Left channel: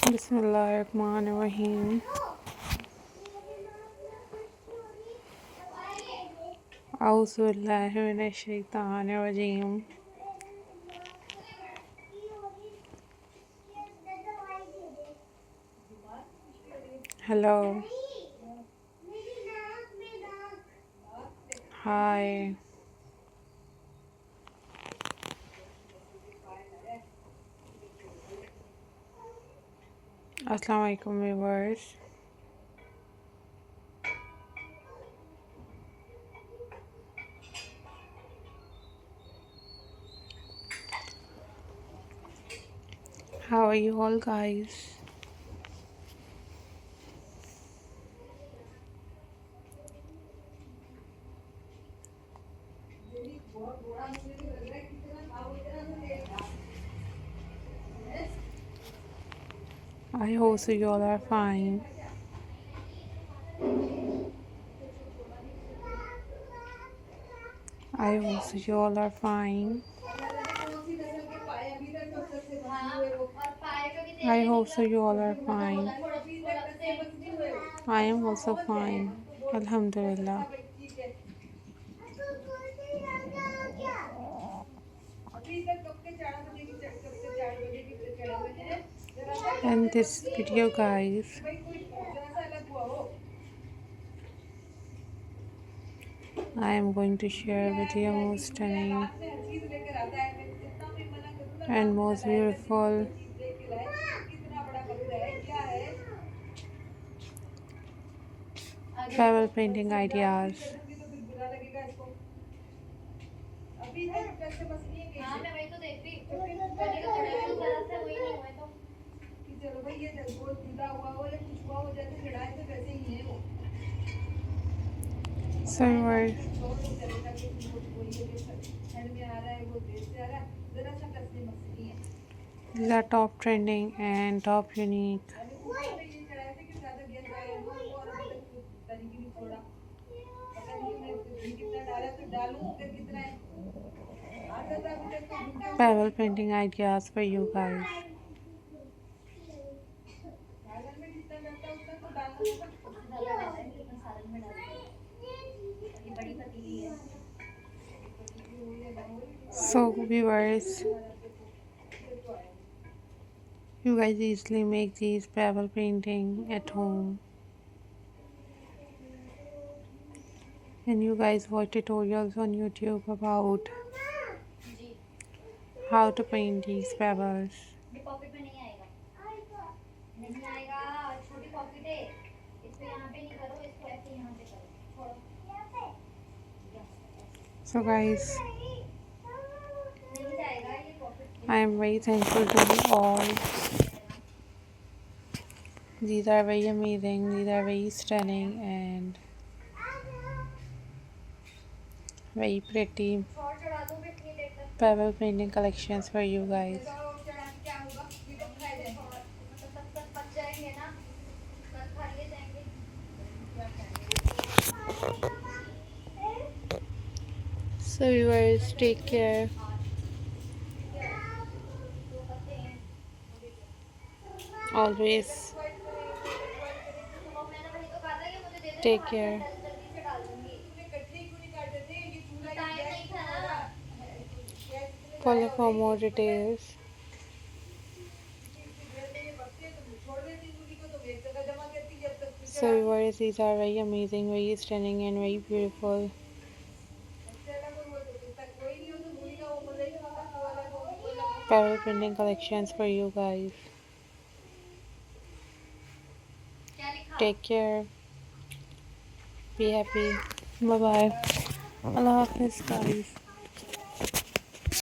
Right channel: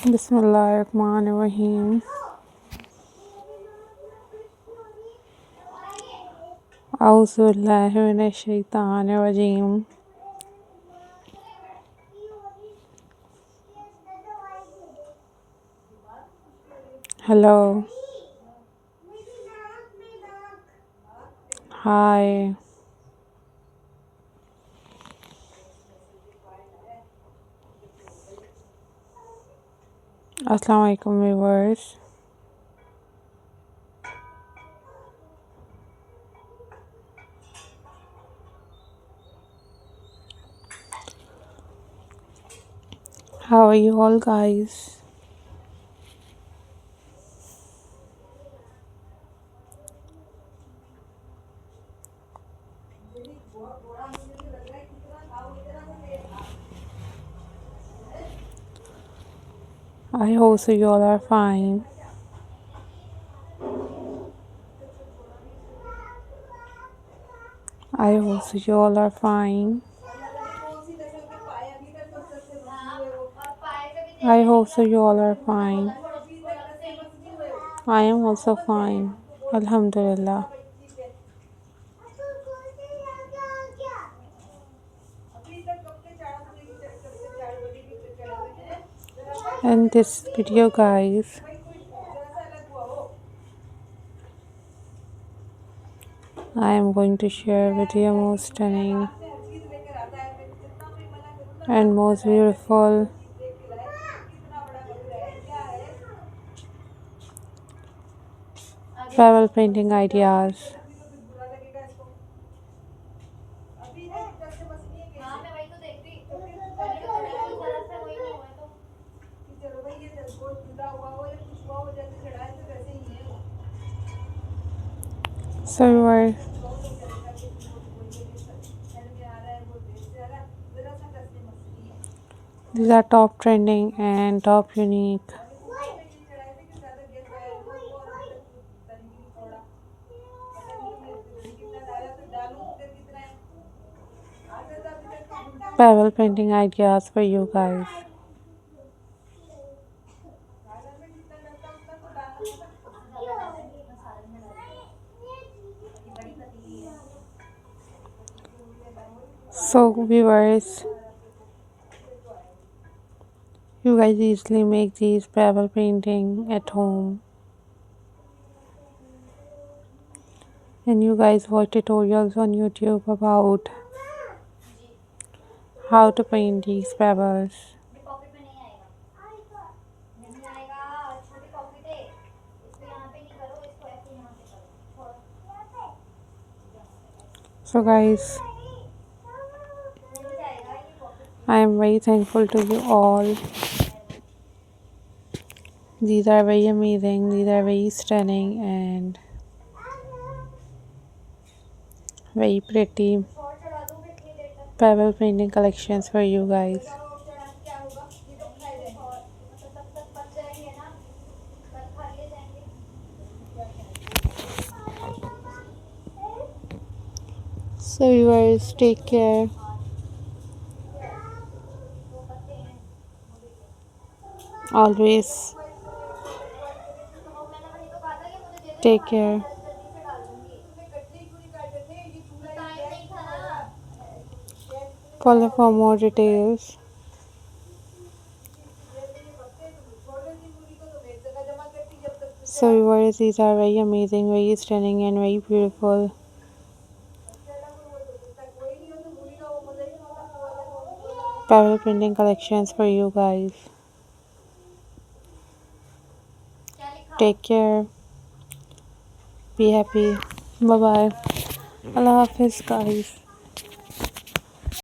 Bismillahirrahmanirrahim. Auzubillahiminash-shaytanir-rajeem. Hello. Hi. Assalamu alaikum viewers. How are you all guys? I hope so you all are fine. I hope so you all are fine. I hope so you all are fine. I am also fine. Alhamdulillah. And this video guys, I am going to share with you most stunning and most beautiful travel painting ideas. So these are top trending and top unique. Pebble painting ideas for you guys. So viewers, you guys easily make these pebble painting at home, and you guys watch tutorials on YouTube about how to paint these pebbles. So guys, I am very thankful to you all. These are very amazing, these are very stunning and very pretty pebble painting collections for you guys. So viewers, take care. Always take care. Follow for more details. So viewers, these are very amazing, very stunning and very beautiful pebble painting collections for you guys. Take care. Be happy. Bye bye. Allah Hafiz guys.